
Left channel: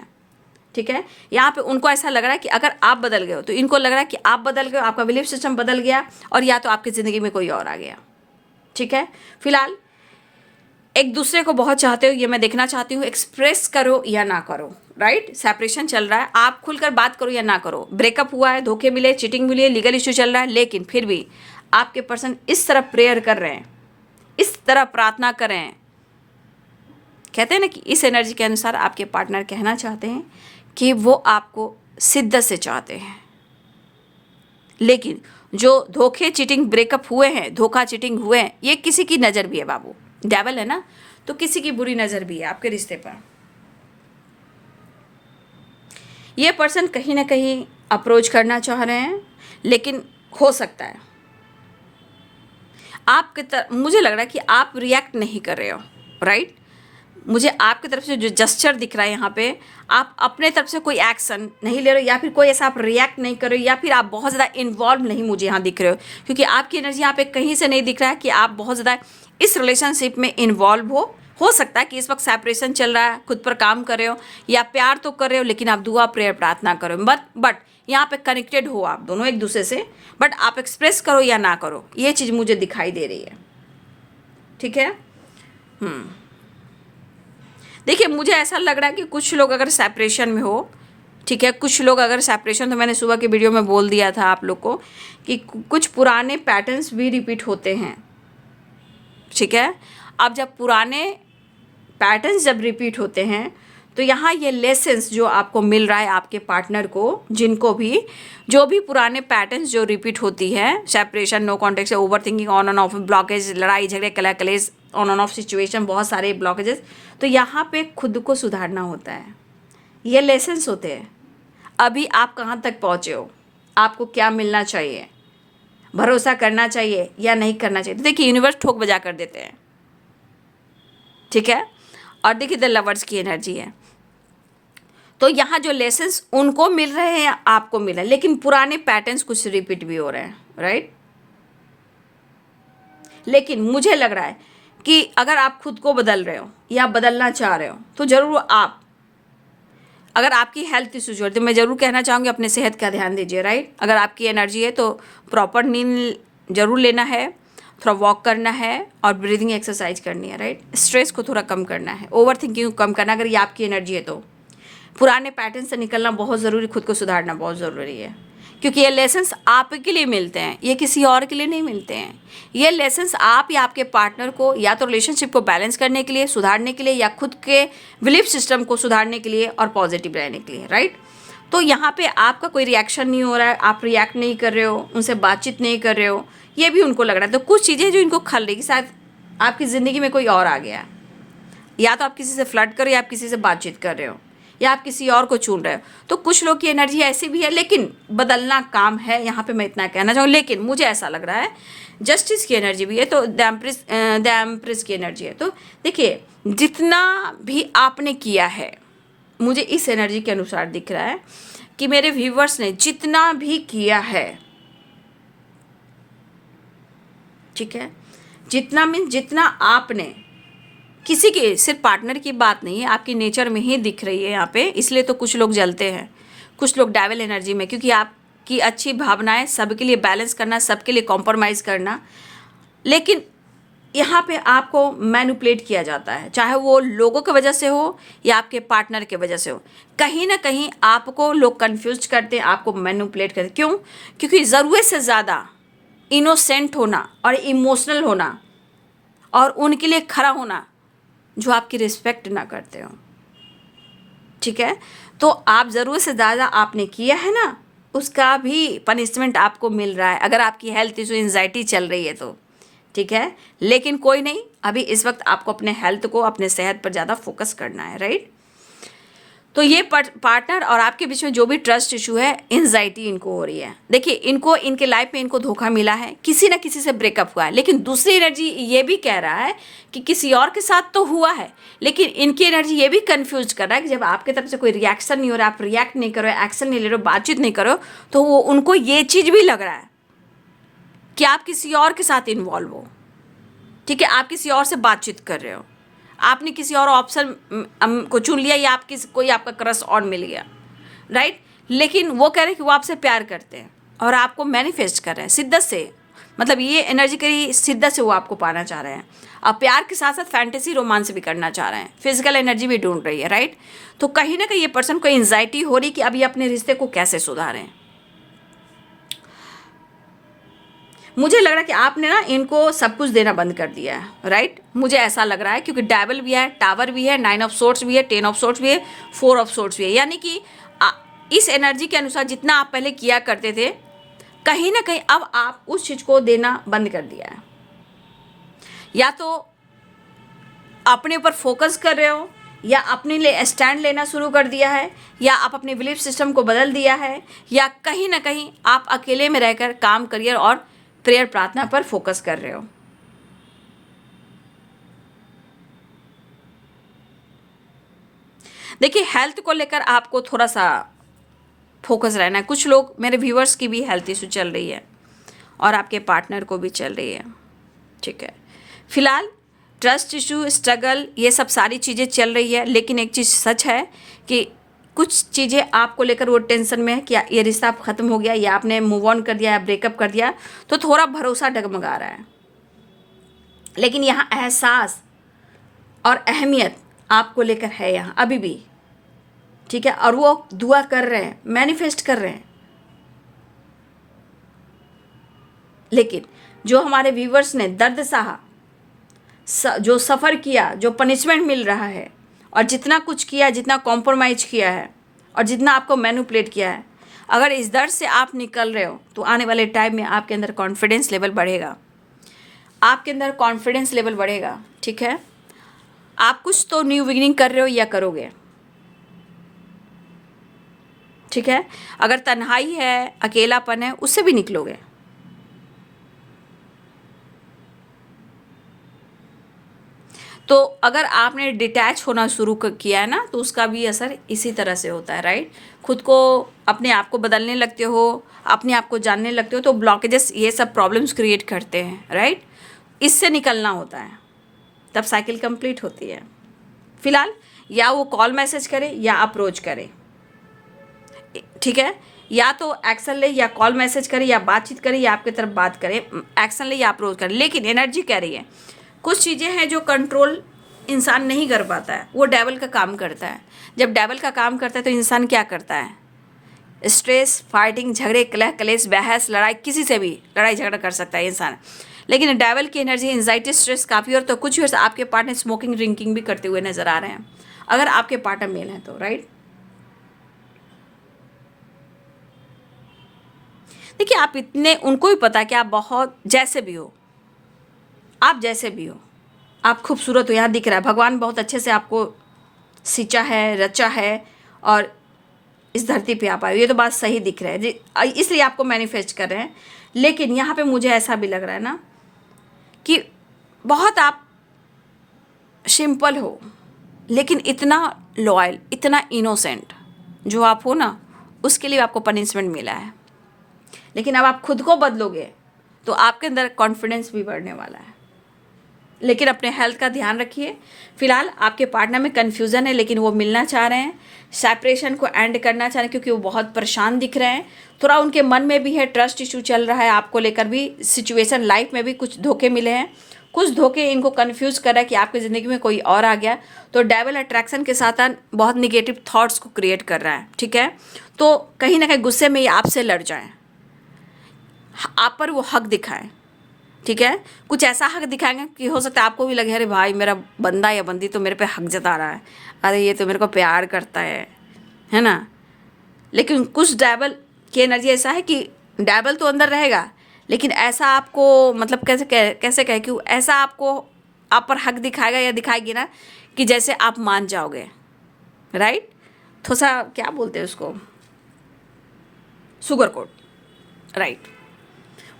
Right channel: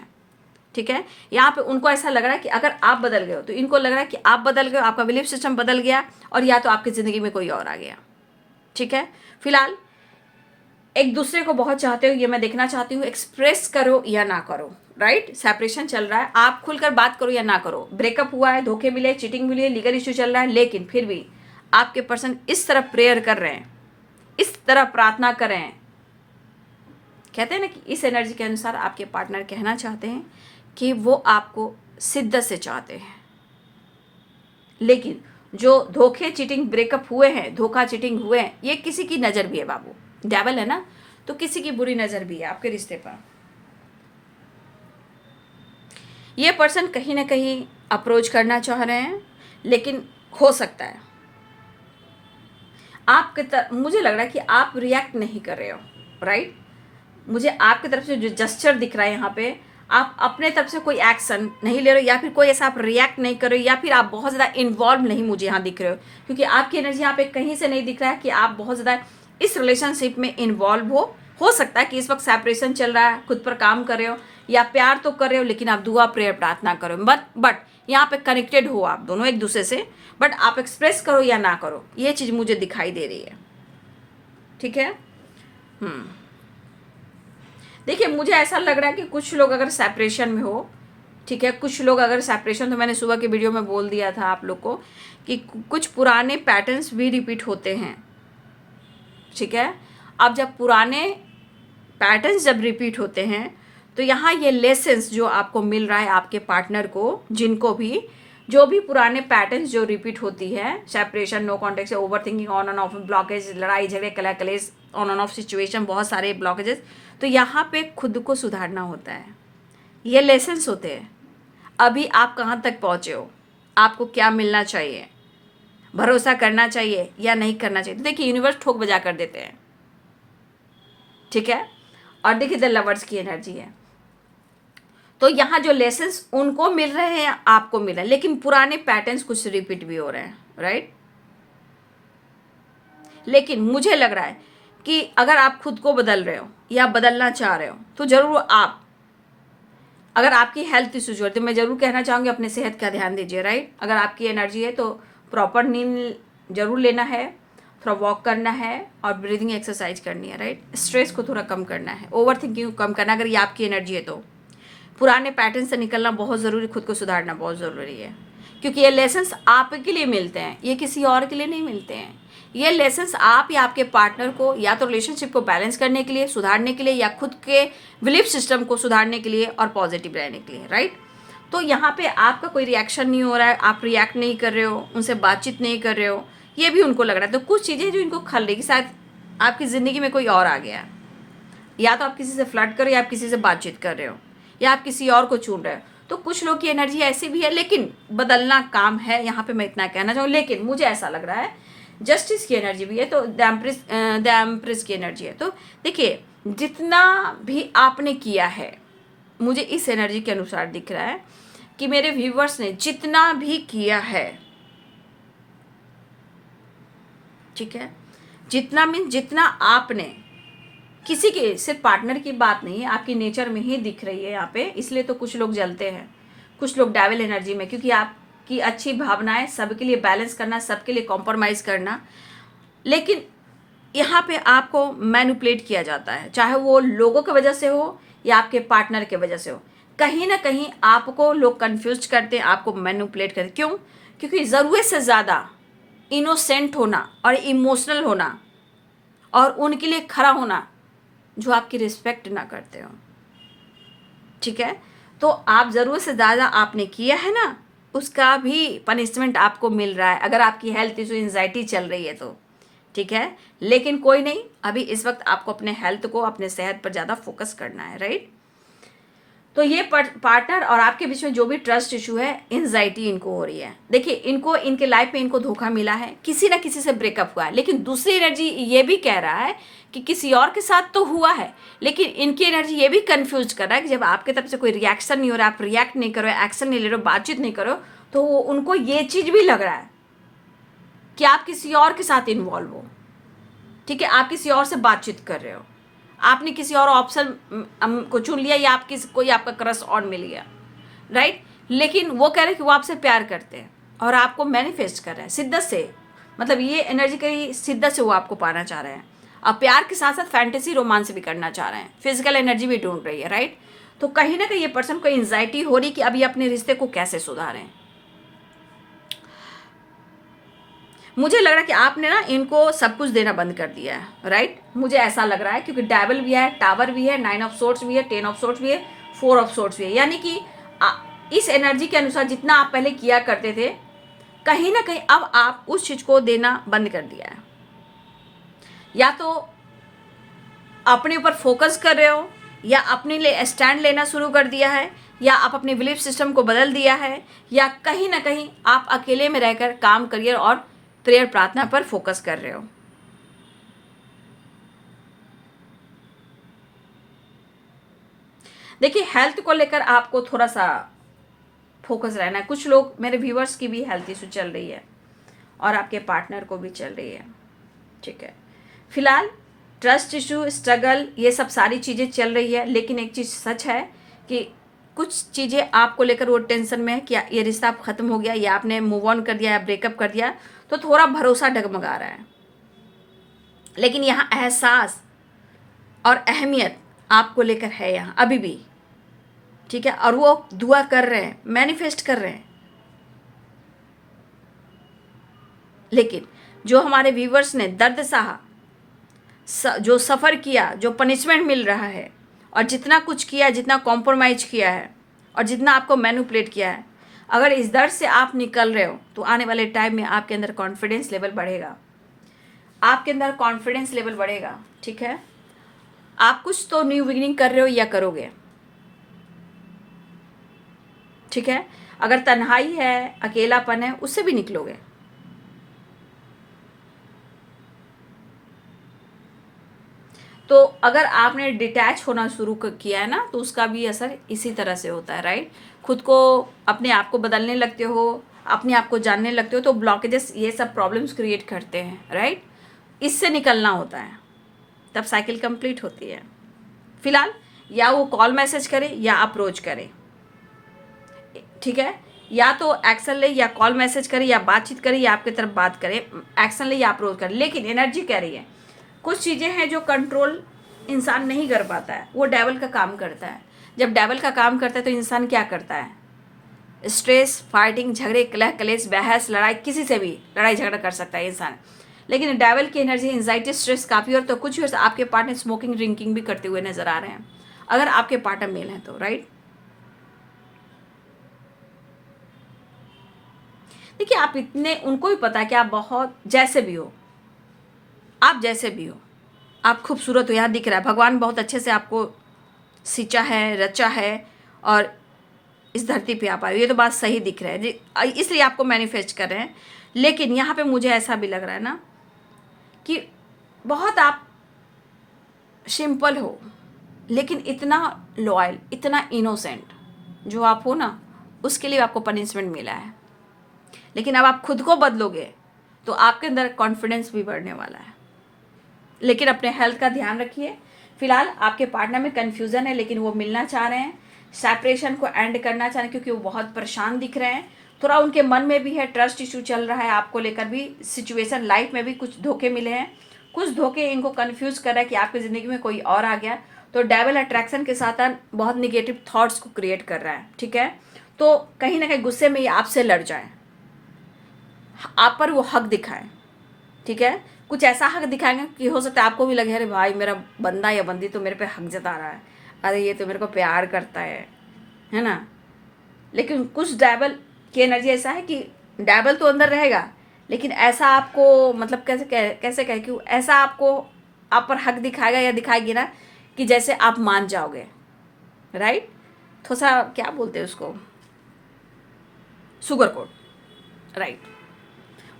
ठीक है, यहाँ पे उनको ऐसा लग रहा है कि अगर आप बदल गए हो, तो इनको लग रहा है कि आप बदल गए हो, आपका बिलीफ सिस्टम बदल गया, और या तो आपकी ज़िंदगी में कोई और आ गया। ठीक है, फिलहाल एक दूसरे को बहुत चाहते हो, ये मैं देखना चाहती हूँ। एक्सप्रेस करो या ना करो, राइट। सेपरेशन चल रहा है, आप खुलकर बात करो या ना करो। ब्रेकअप हुआ है, धोखे मिले, चीटिंग मिली है, लीगल इश्यू चल रहा है, लेकिन फिर भी आपके पर्सन इस तरह प्रेयर कर रहे हैं, इस तरह प्रार्थना कर रहे हैं। कहते हैं ना कि इस एनर्जी के अनुसार आपके पार्टनर कहना चाहते हैं कि वो आपको शिद्दत से चाहते हैं। लेकिन जो धोखे, चीटिंग, ब्रेकअप हुए हैं, धोखा चीटिंग हुए हैं, ये किसी की नज़र भी है बाबू, डेविल है ना, तो किसी की बुरी नज़र भी है आपके रिश्ते पर। ये पर्सन कहीं ना कहीं अप्रोच करना चाह रहे हैं, लेकिन हो सकता है आपके मुझे लग रहा है कि आप रिएक्ट नहीं कर रहे हो, राइट। मुझे आपकी तरफ से जो जस्चर दिख रहा है यहाँ पे, आप अपने तरफ से कोई एक्शन नहीं ले रहे हो, या फिर कोई ऐसा आप रिएक्ट नहीं कर रहे हो, या फिर आप बहुत ज़्यादा इन्वॉल्व नहीं मुझे यहाँ दिख रहे हो। क्योंकि आपकी एनर्जी यहाँ पे कहीं से नहीं दिख रहा है कि आप बहुत ज़्यादा इस रिलेशनशिप में इन्वॉल्व हो सकता है कि इस वक्त सेपरेशन चल रहा है, खुद पर काम कर रहे हो, या प्यार तो कर रहे हो, लेकिन आप दुआ प्रेयर प्रार्थना करो, बट यहाँ पे कनेक्टेड हो आप दोनों एक दूसरे से, बट आप एक्सप्रेस करो या ना करो, ये चीज़ मुझे दिखाई दे रही है। ठीक है, देखिए मुझे ऐसा लग रहा है कि कुछ लोग अगर सेपरेशन में हो, ठीक है, कुछ लोग अगर सेपरेशन, तो मैंने सुबह के वीडियो में बोल दिया था आप लोग को कि कुछ पुराने पैटर्न्स भी रिपीट होते हैं। ठीक है, अब जब पुराने पैटर्न्स जब रिपीट होते हैं, तो यहाँ ये लेसन्स जो आपको मिल रहा है आपके पार्टनर को, जिनको भी जो भी पुराने पैटर्न्स जो रिपीट होती है, सेपरेशन, नो कॉन्टेक्ट से, over thinking, on end of, blockage, लड़ाई झगड़े, कलेश, ऑन एंड ऑफ सिचुएशन, बहुत सारे ब्लॉकेजेस, तो यहाँ पे खुद को सुधारना होता है। ये लेसन्स होते हैं। अभी आप कहाँ तक पहुँचे हो, आपको क्या मिलना चाहिए, भरोसा करना चाहिए या नहीं करना चाहिए। तो देखिए यूनिवर्स ठोक बजा कर देते हैं। ठीक है, और देखिए द लवर्स की एनर्जी है, तो यहाँ जो लेसन्स उनको मिल रहे हैं, आपको मिल रहा है, लेकिन पुराने पैटर्न्स कुछ रिपीट भी हो रहे हैं, राइट। लेकिन मुझे लग रहा है कि अगर आप खुद को बदल रहे हो या बदलना चाह रहे हो, तो जरूर अगर आपकी हेल्थ इश्यूज हो तो मैं ज़रूर कहना चाहूँगी अपने सेहत का ध्यान दीजिए, राइट। अगर आपकी एनर्जी है तो प्रॉपर नींद जरूर लेना है, थोड़ा वॉक करना है और ब्रीदिंग एक्सरसाइज करनी है, राइट। स्ट्रेस को थोड़ा कम करना है, ओवर थिंकिंग को कम करना है। अगर ये आपकी एनर्जी है तो पुराने पैटर्न से निकलना बहुत ज़रूरी, खुद को सुधारना बहुत ज़रूरी है, क्योंकि ये लेसन्स आपके लिए मिलते हैं, ये किसी और के लिए नहीं मिलते हैं। ये लेसन्स आप या आपके पार्टनर को या तो रिलेशनशिप को बैलेंस करने के लिए, सुधारने के लिए, या खुद के बिलीफ सिस्टम को सुधारने के लिए और पॉजिटिव रहने के लिए, राइट। तो यहाँ पे आपका कोई रिएक्शन नहीं हो रहा है, आप रिएक्ट नहीं कर रहे हो, उनसे बातचीत नहीं कर रहे हो, ये भी उनको लग रहा है। तो कुछ चीज़ें जो इनको खल रही कि शायद आपकी ज़िंदगी में कोई और आ गया है, या तो आप किसी से फ्लर्ट कर रहे हो, या आप किसी से बातचीत कर रहे हो, या आप किसी और को चुन रहे हो। तो कुछ लोग की एनर्जी ऐसी भी है, लेकिन बदलना काम है, यहाँ पे मैं इतना कहना चाहूँ। लेकिन मुझे ऐसा लग रहा है जस्टिस की एनर्जी भी है, तो द एम्प्रेस की एनर्जी है। तो देखिए, जितना भी आपने किया है, मुझे इस एनर्जी के अनुसार दिख रहा है कि मेरे व्यूवर्स ने जितना भी किया है, ठीक है, जितना आपने किसी के, सिर्फ पार्टनर की बात नहीं है, आपकी नेचर में ही दिख रही है यहाँ पे। इसलिए तो कुछ लोग जलते हैं, कुछ लोग डेविल एनर्जी में, क्योंकि आपकी अच्छी भावनाएं सबके लिए बैलेंस करना, सबके लिए कॉम्प्रोमाइज़ करना, लेकिन यहाँ पे आपको मैनिपुलेट किया जाता है, चाहे वो लोगों की वजह से हो या आपके पार्टनर की वजह से हो। कहीं ना कहीं आपको लोग कन्फ्यूज करते हैं, आपको मैनिपुलेट करते हैं। क्यों? क्योंकि ज़रूरत से ज़्यादा इनोसेंट होना और इमोशनल होना और उनके लिए खड़ा होना जो आपकी रिस्पेक्ट ना करते हो, ठीक है। तो आप ज़रूर से ज़्यादा आपने किया है ना, उसका भी पनिशमेंट आपको मिल रहा है, अगर आपकी हेल्थ इशू, एंजाइटी चल रही है तो, ठीक है। लेकिन कोई नहीं, अभी इस वक्त आपको अपने हेल्थ को, अपने सेहत पर ज़्यादा फोकस करना है, राइट। तो ये पार्टनर और आपके बीच में जो भी ट्रस्ट इशू है, एंजाइटी इनको हो रही है। देखिए, इनको, इनके लाइफ में इनको धोखा मिला है, किसी ना किसी से ब्रेकअप हुआ है, लेकिन दूसरी एनर्जी ये भी कह रहा है कि किसी और के साथ तो हुआ है, लेकिन इनकी एनर्जी ये भी कंफ्यूज कर रहा है कि जब आपके तरफ से कोई रिएक्शन नहीं हो रहा, आप रिएक्ट नहीं करो, एक्शन नहीं ले रहे हो, बातचीत नहीं करो, तो वो उनको ये चीज़ भी लग रहा है कि आप किसी और के साथ इन्वॉल्व हो, ठीक है, आप किसी और से बातचीत कर रहे हो, आपने किसी और ऑप्शन को चुन लिया, या आप कोई आपका क्रश और मिल गया, राइट। लेकिन वो कह रहे हैं कि वो आपसे प्यार करते हैं और आपको मैनिफेस्ट कर रहे हैं शिद्दत से, मतलब ये एनर्जी की शिद्दत से वो आपको पाना चाह रहे हैं। अब प्यार के साथ साथ फैंटेसी रोमांस भी करना चाह रहे हैं, फिजिकल एनर्जी भी ढूंढ रही है, राइट। तो कहीं ना कहीं ये पर्सन को एंजाइटी हो रही कि अभी अपने रिश्ते को कैसे सुधारें। मुझे लग रहा है कि आपने ना इनको सब कुछ देना बंद कर दिया है, राइट। मुझे ऐसा लग रहा है, क्योंकि डेविल भी है, टावर भी है, 9 ऑफ सोर्ट्स भी है, 10 ऑफ सोर्ट्स भी है, 4 ऑफ सोर्ट्स भी है। यानी कि इस एनर्जी के अनुसार जितना आप पहले किया करते थे, कहीं ना कहीं अब आप उस चीज़ को देना बंद कर दिया है। या तो अपने ऊपर फोकस कर रहे हो, या अपने लिए स्टैंड लेना शुरू कर दिया है, या आप अपने बिलीफ सिस्टम को बदल दिया है, या कहीं ना कहीं आप अकेले में रहकर काम, करियर और प्रेयर, प्रार्थना पर फोकस कर रहे हो। देखिए, हेल्थ को लेकर आपको थोड़ा सा फोकस रहना है। कुछ लोग, मेरे व्यूअर्स की भी हेल्थ इशू चल रही है और आपके पार्टनर को भी चल रही है, ठीक है। फिलहाल ट्रस्ट इशू, स्ट्रगल, ये सब सारी चीज़ें चल रही है, लेकिन एक चीज़ सच है कि कुछ चीज़ें आपको लेकर वो टेंशन में है कि ये रिश्ता ख़त्म हो गया, या आपने मूव ऑन कर दिया, या ब्रेकअप कर दिया, तो थोड़ा भरोसा डगमगा रहा है। लेकिन यहाँ एहसास और अहमियत आपको लेकर है यहाँ अभी भी, ठीक है। और वो दुआ कर रहे हैं, मैनिफेस्ट कर रहे हैं। लेकिन जो हमारे व्यूवर्स ने दर्द सहा, जो सफ़र किया, जो पनिशमेंट मिल रहा है, और जितना कुछ किया, जितना कॉम्प्रोमाइज किया है, और जितना आपको मैनिपुलेट किया है, अगर इस दर्द से आप निकल रहे हो तो आने वाले टाइम में आपके अंदर कॉन्फिडेंस लेवल बढ़ेगा, आपके अंदर कॉन्फिडेंस लेवल बढ़ेगा, ठीक है। आप कुछ तो न्यू बिगिनिंग कर रहे हो या करोगे, ठीक है। अगर तन्हाई है, अकेलापन है, उससे भी निकलोगे। तो अगर आपने डिटैच होना शुरू किया है ना, तो उसका भी असर इसी तरह से होता है, राइट। खुद को, अपने आप को बदलने लगते हो, अपने आप को जानने लगते हो, तो ब्लॉकेजेस, ये सब प्रॉब्लम्स क्रिएट करते हैं, राइट। इससे निकलना होता है, तब साइकिल कंप्लीट होती है। फिलहाल या वो कॉल मैसेज करे या अप्रोच करे, ठीक है, या तो एक्शन ले या कॉल मैसेज करे या बातचीत करे या आपकी तरफ बात करे, एक्शन ले या अप्रोच करे। लेकिन एनर्जी कह रही है कुछ चीज़ें हैं जो कंट्रोल इंसान नहीं कर पाता है, वो डेवल का काम करता है। जब डेवल का काम करता है तो इंसान क्या करता है, स्ट्रेस, फाइटिंग, झगड़े, कलह कलेश, बहस, लड़ाई, किसी से भी लड़ाई झगड़ा कर सकता है इंसान। लेकिन डेवल की एनर्जी एंजाइटी, स्ट्रेस काफ़ी, और तो कुछ भी आपके पार्टनर स्मोकिंग ड्रिंकिंग भी करते हुए नजर आ रहे हैं, अगर आपके पार्टनर मेल हैं तो, राइट। देखिए आप इतने, उनको भी पता है कि आप बहुत जैसे भी हो, आप जैसे भी हो, आप खूबसूरत हो, यहाँ दिख रहा है भगवान बहुत अच्छे से आपको सींचा है, रचा है, और इस धरती पे आप आए, ये तो बात सही दिख रहा है जी, इसलिए आपको मैनिफेस्ट कर रहे हैं। लेकिन यहाँ पे मुझे ऐसा भी लग रहा है ना कि बहुत आप सिंपल हो, लेकिन इतना लॉयल, इतना इनोसेंट जो आप हो ना, उसके लिए आपको पनिशमेंट मिला है। लेकिन अब आप खुद को बदलोगे तो आपके अंदर कॉन्फिडेंस भी बढ़ने वाला है। लेकिन अपने हेल्थ का ध्यान रखिए। फिलहाल आपके पार्टनर में कन्फ्यूज़न है, लेकिन वो मिलना चाह रहे हैं, सेपरेशन को एंड करना चाह रहे हैं, क्योंकि वो बहुत परेशान दिख रहे हैं। थोड़ा उनके मन में भी है, ट्रस्ट इशू चल रहा है आपको लेकर भी, सिचुएशन लाइफ में भी कुछ धोखे मिले हैं, कुछ धोखे इनको कन्फ्यूज़ कर रहा है कि आपकी ज़िंदगी में कोई और आ गया। तो डेविल अट्रैक्शन के साथ बहुत निगेटिव थॉट्स को क्रिएट कर रहा है, ठीक है। तो कहीं ना कहीं गुस्से में ये आपसे लड़ जाए, आप पर वो हक दिखाएं, ठीक है। कुछ ऐसा हक दिखाएंगे कि हो सकता है आपको भी लगे अरे भाई मेरा बंदा या बंदी तो मेरे पे हक जता रहा है, अरे ये तो मेरे को प्यार करता है ना। लेकिन कुछ डेविल की एनर्जी ऐसा है कि डेविल तो अंदर रहेगा, लेकिन ऐसा आपको मतलब कैसे कहे कि ऐसा आपको आप पर हक दिखाएगा या दिखाएगी ना कि जैसे आप मान जाओगे, राइट। थोड़ा सा क्या बोलते हैं उसको, सुगर कोट, राइट,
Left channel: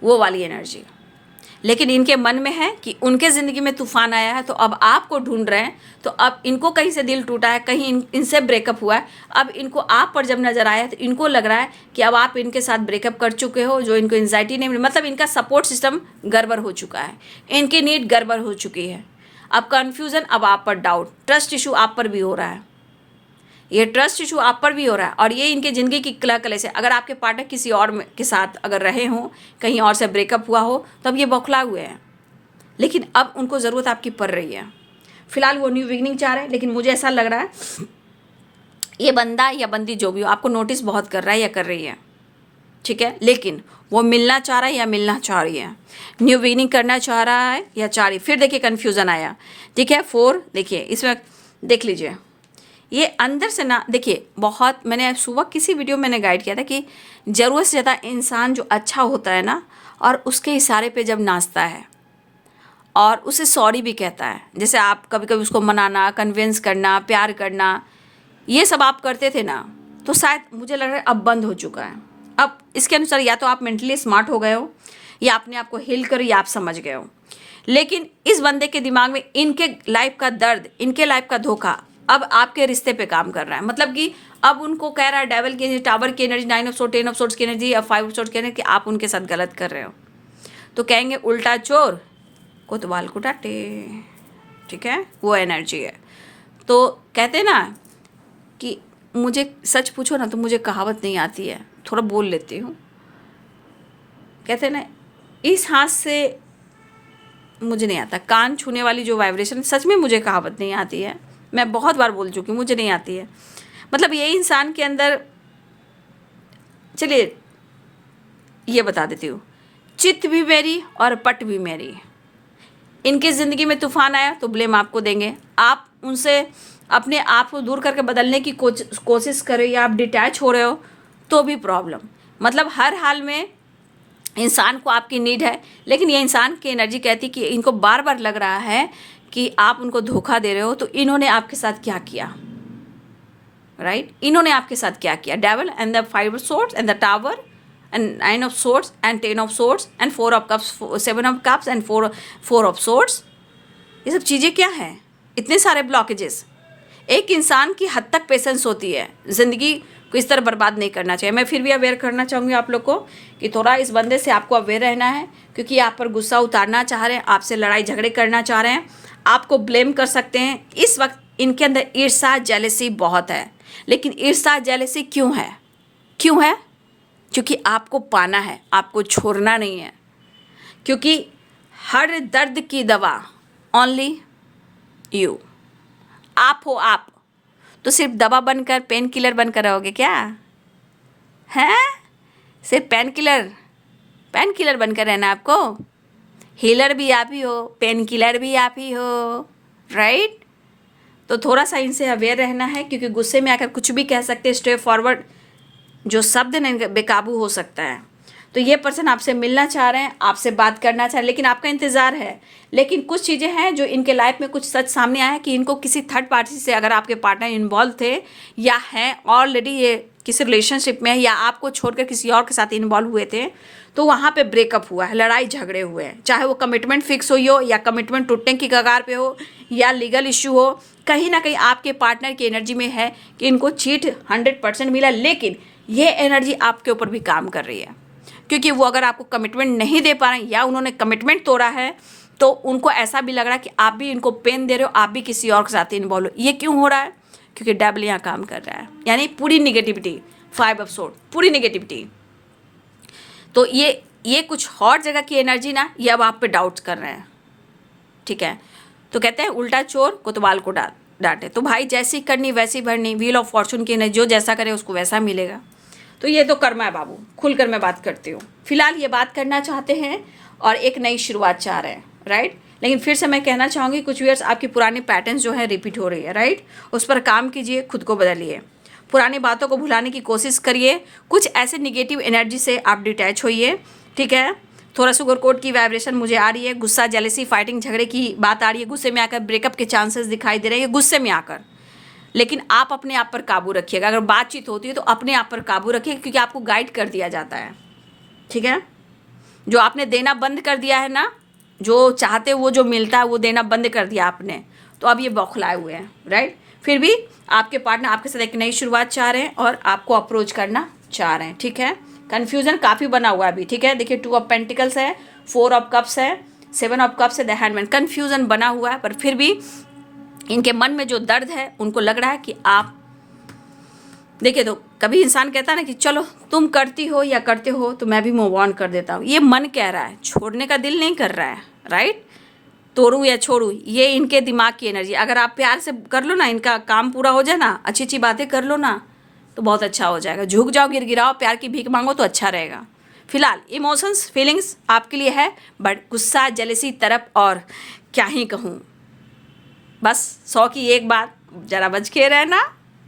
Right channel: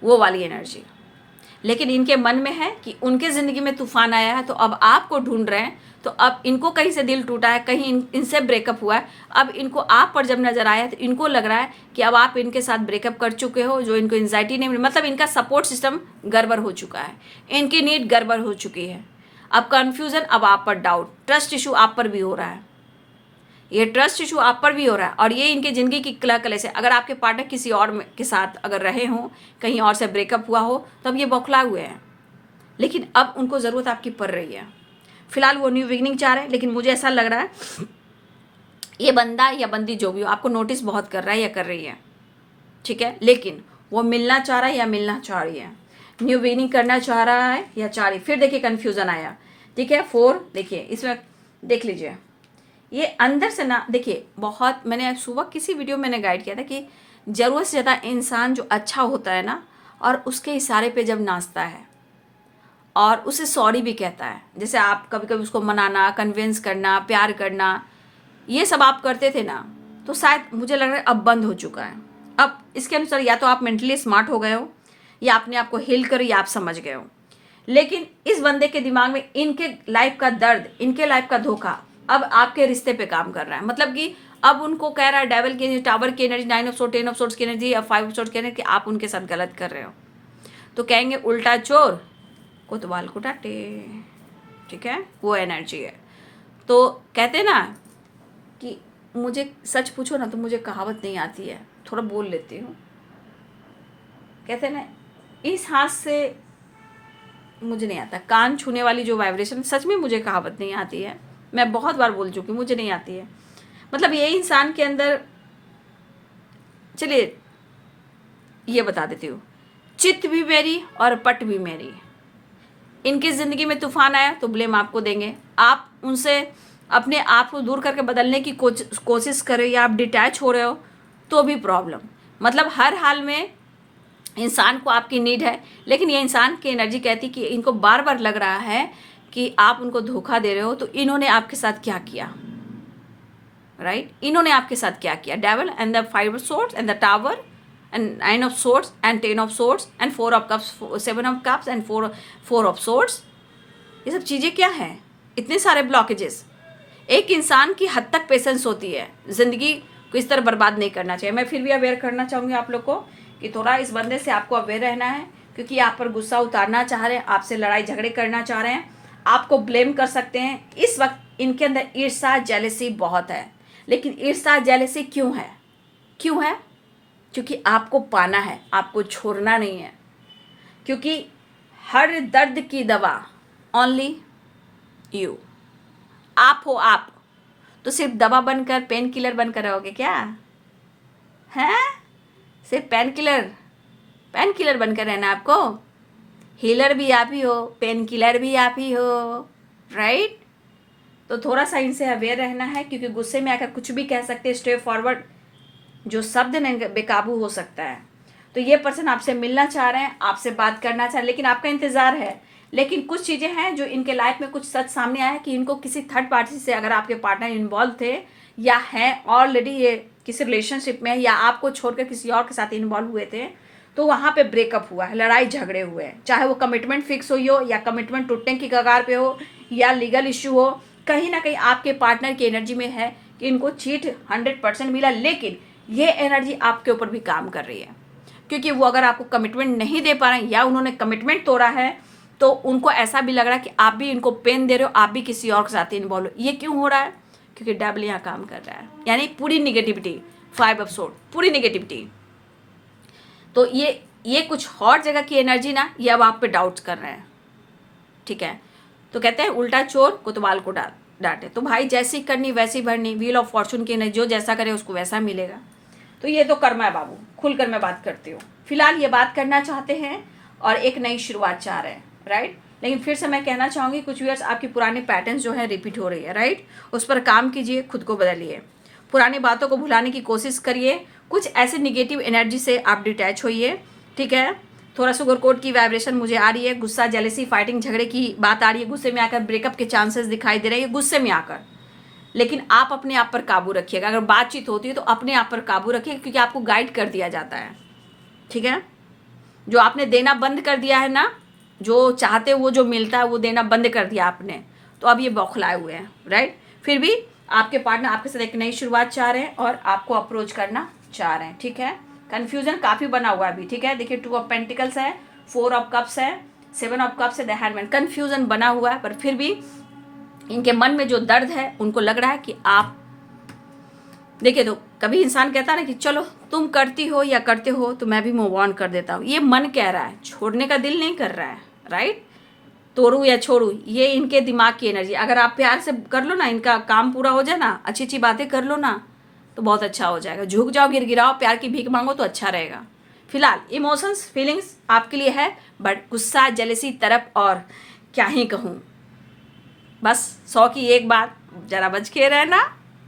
वो वाली एनर्जी। लेकिन इनके मन में है कि उनके ज़िंदगी में तूफान आया है, तो अब आपको ढूंढ रहे हैं। तो अब इनको कहीं से दिल टूटा है, कहीं इनसे ब्रेकअप हुआ है, अब इनको आप पर जब नज़र आया है तो इनको लग रहा है कि अब आप इनके साथ ब्रेकअप कर चुके हो, जो इनको एंजाइटी नहीं मिली, मतलब इनका सपोर्ट सिस्टम गड़बड़ हो चुका है, इनकी नीड गड़बड़ हो चुकी है। अब कन्फ्यूज़न, अब आप पर डाउट, ट्रस्ट इशू आप पर भी हो रहा है, ये ट्रस्ट इशू आप पर भी हो रहा है। और ये इनके ज़िंदगी की कला कले से, अगर आपके पार्टनर किसी और के साथ अगर रहे हों, कहीं और से ब्रेकअप हुआ हो, तो अब ये बौखला हुए हैं। लेकिन अब उनको ज़रूरत आपकी पड़ रही है। फिलहाल वो न्यू बिगनिंग चाह रहे हैं, लेकिन मुझे ऐसा लग रहा है ये बंदा या बंदी जो भी हो आपको नोटिस बहुत कर रहा है या कर रही है, ठीक है। लेकिन वो मिलना चाह रहा है या मिलना चाह रही है, न्यू बिगनिंग करना चाह रहा है या चाह रही। फिर देखिए कन्फ्यूज़न आया, ठीक है। 4 देखिए, इसमें देख लीजिए, ये अंदर से ना देखिए, बहुत मैंने सुबह किसी वीडियो में मैंने गाइड किया था कि ज़रूरत से ज़्यादा इंसान जो अच्छा होता है ना, और उसके इशारे पे जब नाचता है और उसे सॉरी भी कहता है, जैसे आप कभी कभी उसको मनाना, कन्विंस करना, प्यार करना, ये सब आप करते थे ना, तो शायद मुझे लग रहा है अब बंद हो चुका है। अब इसके अनुसार या तो आप मेंटली स्मार्ट हो गए हो, या अपने आप को हील करो, या आप समझ गए हो। लेकिन इस बंदे के दिमाग में इनके लाइफ का दर्द, इनके लाइफ का धोखा अब आपके रिश्ते पे काम कर रहा है। मतलब कि अब उनको कह रहा है डेविल की, टावर की energy, 9 of sword, 10 of swords की एनर्जी या 5 ऑफ सोर्ड्स की एनर्जी कि आप उनके साथ गलत कर रहे हो। तो कहेंगे उल्टा चोर कोतवाल को डांटे, ठीक है, वो एनर्जी है। तो कहते हैं ना कि मुझे सच पूछो ना तो मुझे कहावत नहीं आती है, थोड़ा बोल लेती हूँ। कहते हैं ना, इस हाथ से मुझे नहीं आता, कान छूने वाली जो वाइब्रेशन, सच में मुझे कहावत नहीं आती है, मैं बहुत बार बोल चुकी हूँ, मुझे नहीं आती है। मतलब ये इंसान के अंदर, चलिए ये बता देती हूँ, चित्त भी मेरी और पट भी मेरी। इनकी ज़िंदगी में तूफान आया तो ब्लेम आपको देंगे, आप उनसे अपने आप को दूर करके बदलने की कोशिश कर रहे हो, या आप डिटैच हो रहे हो तो भी प्रॉब्लम। मतलब हर हाल में इंसान को आपकी नीड है, लेकिन ये इंसान की एनर्जी कहती कि इनको बार बार लग रहा है कि आप उनको धोखा दे रहे हो। तो इन्होंने आपके साथ क्या किया, राइट, इन्होंने आपके साथ क्या किया। Devil and the 5 of swords and the tower and 9 of swords and 10 of swords and 4 of cups, 7 of cups and 4 of swords. ये सब चीज़ें क्या हैं, इतने सारे ब्लॉकेजेस। एक इंसान की हद तक पेशेंस होती है, ज़िंदगी को इस तरह बर्बाद नहीं करना चाहिए। मैं फिर भी अवेयर करना चाहूँगी आप लोग को कि थोड़ा इस बंदे से आपको अवेयर रहना है, क्योंकि आप पर गुस्सा उतारना चाह रहे हैं, आपसे लड़ाई झगड़े करना चाह रहे हैं, आपको ब्लेम कर सकते हैं। इस वक्त इनके अंदर ईर्ष्या जेलसी बहुत है। लेकिन ईर्ष्या जेलसी क्यों है, क्यों है? क्योंकि आपको पाना है, आपको छोड़ना नहीं है। क्योंकि हर दर्द की दवा ओनली यू, आप हो आप। तो सिर्फ दवा बनकर, पेन किलर बनकर रहोगे क्या? हैं? सिर्फ पेन किलर बनकर रहना आपको? हीलर भी आप ही हो, पेन किलर भी आप ही हो, राइट? तो थोड़ा सा इनसे अवेयर रहना है, क्योंकि गुस्से में आकर कुछ भी कह सकते हैं। स्ट्रेट फॉरवर्ड जो शब्द ने बेकाबू हो सकता है। तो ये पर्सन आपसे मिलना चाह रहे हैं, आपसे बात करना चाह रहे हैं, लेकिन आपका इंतज़ार है। लेकिन कुछ चीज़ें हैं जो इनके लाइफ में कुछ सच सामने आया है कि इनको किसी थर्ड पार्टी से, अगर आपके पार्टनर इन्वॉल्व थे या हैं ऑलरेडी ये किसी रिलेशनशिप में, या आपको छोड़कर किसी और के साथ इन्वॉल्व हुए थे, तो वहाँ पे ब्रेकअप हुआ है, लड़ाई झगड़े हुए हैं। चाहे वो कमिटमेंट फिक्स हुई हो, या कमिटमेंट टूटने की कगार पे हो, या लीगल इशू हो, कहीं ना कहीं आपके पार्टनर की एनर्जी में है कि इनको चीट 100% मिला। लेकिन ये एनर्जी आपके ऊपर भी काम कर रही है, क्योंकि वो अगर आपको कमिटमेंट नहीं दे पा रहे हैं, या उन्होंने कमिटमेंट तोड़ा है, तो उनको ऐसा भी लग रहा है कि आप भी इनको पेन दे रहे हो, आप भी किसी और के साथ इन्वॉल्व हो। ये क्यों हो रहा है? क्योंकि डेविल यहाँ काम कर रहा है, यानी पूरी निगेटिविटी, 5 ऑफ सोर्ड, पूरी निगेटिविटी। तो ये कुछ और जगह की एनर्जी ना, ये अब आप पे डाउट्स कर रहे हैं, ठीक है? तो कहते हैं उल्टा चोर कोतवाल को डांटे। तो भाई जैसी करनी वैसी भरनी, व्हील ऑफ फॉर्चून की नहीं, जो जैसा करे उसको वैसा मिलेगा। तो ये तो कर्म है बाबू, खुलकर मैं बात करती हूँ। फिलहाल ये बात करना चाहते हैं और एक नई शुरुआत चाह रहे हैं, राइट? लेकिन फिर से मैं कहना चाहूँगी, कुछ व्यूअर्स आपकी पुरानी पैटर्न्स जो है रिपीट हो रही है, राइट? उस पर काम कीजिए, खुद को बदलिए, पुरानी बातों को भुलाने की कोशिश करिए। कुछ ऐसे निगेटिव एनर्जी से आप डिटैच होइए, ठीक है? थोड़ा सुगर कोट की वाइब्रेशन मुझे आ रही है, गुस्सा, जेलसी, फाइटिंग, झगड़े की बात आ रही है, गुस्से में आकर ब्रेकअप के चांसेस दिखाई दे रहे हैं, गुस्से में आकर। लेकिन आप अपने आप पर काबू रखिएगा। अगर बातचीत होती है तो अपने आप पर काबू रखिएगा, क्योंकि आपको गाइड कर दिया जाता है, ठीक है? जो आपने देना बंद कर दिया है ना, जो चाहते वो जो मिलता है वो देना बंद कर दिया आपने, तो अब ये बौखलाए हुए हैं, राइट? फिर भी आपके पार्टनर आपके साथ एक नई शुरुआत चाह रहे हैं और आपको अप्रोच करना चाह रहे हैं, ठीक है? कन्फ्यूजन काफ़ी बना हुआ है अभी, ठीक है? देखिए 2 ऑफ पेंटिकल्स है, 4 ऑफ कप्स है, 7 ऑफ कप्स है, द हैंडमैन। कन्फ्यूजन बना हुआ है, पर फिर भी इनके मन में जो दर्द है, उनको लग रहा है कि आप देखिए। तो कभी इंसान कहता है ना कि चलो तुम करती हो या करते हो तो मैं भी मूव ऑन कर देता हूँ। ये मन कह रहा है, छोड़ने का दिल नहीं कर रहा है, राइट? तोड़ू या छोड़ू, ये इनके दिमाग की एनर्जी। अगर आप प्यार से कर लो ना, इनका काम पूरा हो जाए ना, अच्छी अच्छी बातें कर लो ना, तो बहुत अच्छा हो जाएगा। झुक जाओ, गिड़गिड़ाओ, प्यार की भीख मांगो तो अच्छा रहेगा। फिलहाल इमोशंस, फीलिंग्स आपके लिए है, बट गुस्सा, जेलसी, तरफ और क्या ही कहूँ, बस 100 की एक बात, जरा बच के रहना,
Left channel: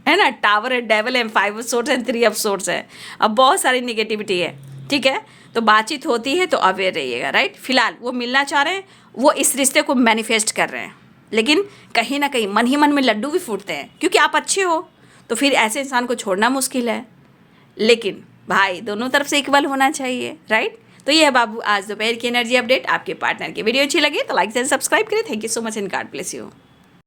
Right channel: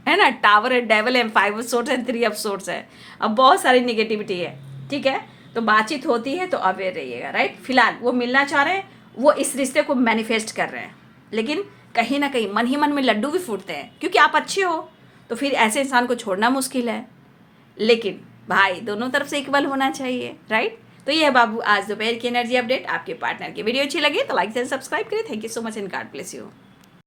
है ना? टावर है, डेवल है, 5 ऑफ सोर्ड्स है, 3 ऑफ सोर्ड्स है, अब बहुत सारी निगेटिविटी है, ठीक है? तो बातचीत होती है तो अवेयर रहिएगा, राइट? फिलहाल वो मिलना चाह रहे हैं, वो इस रिश्ते को मैनिफेस्ट कर रहे हैं, लेकिन कहीं ना कहीं मन ही मन में लड्डू भी फूटते हैं, क्योंकि आप अच्छे हो। तो फिर ऐसे इंसान को छोड़ना मुश्किल है, लेकिन भाई दोनों तरफ से इक्वल होना चाहिए, राइट? तो ये है बाबू आज दोपहर की एनर्जी अपडेट। आपके पार्टनर की वीडियो अच्छी लगी तो लाइक एंड सब्सक्राइब करें। Thank you so much and God bless you.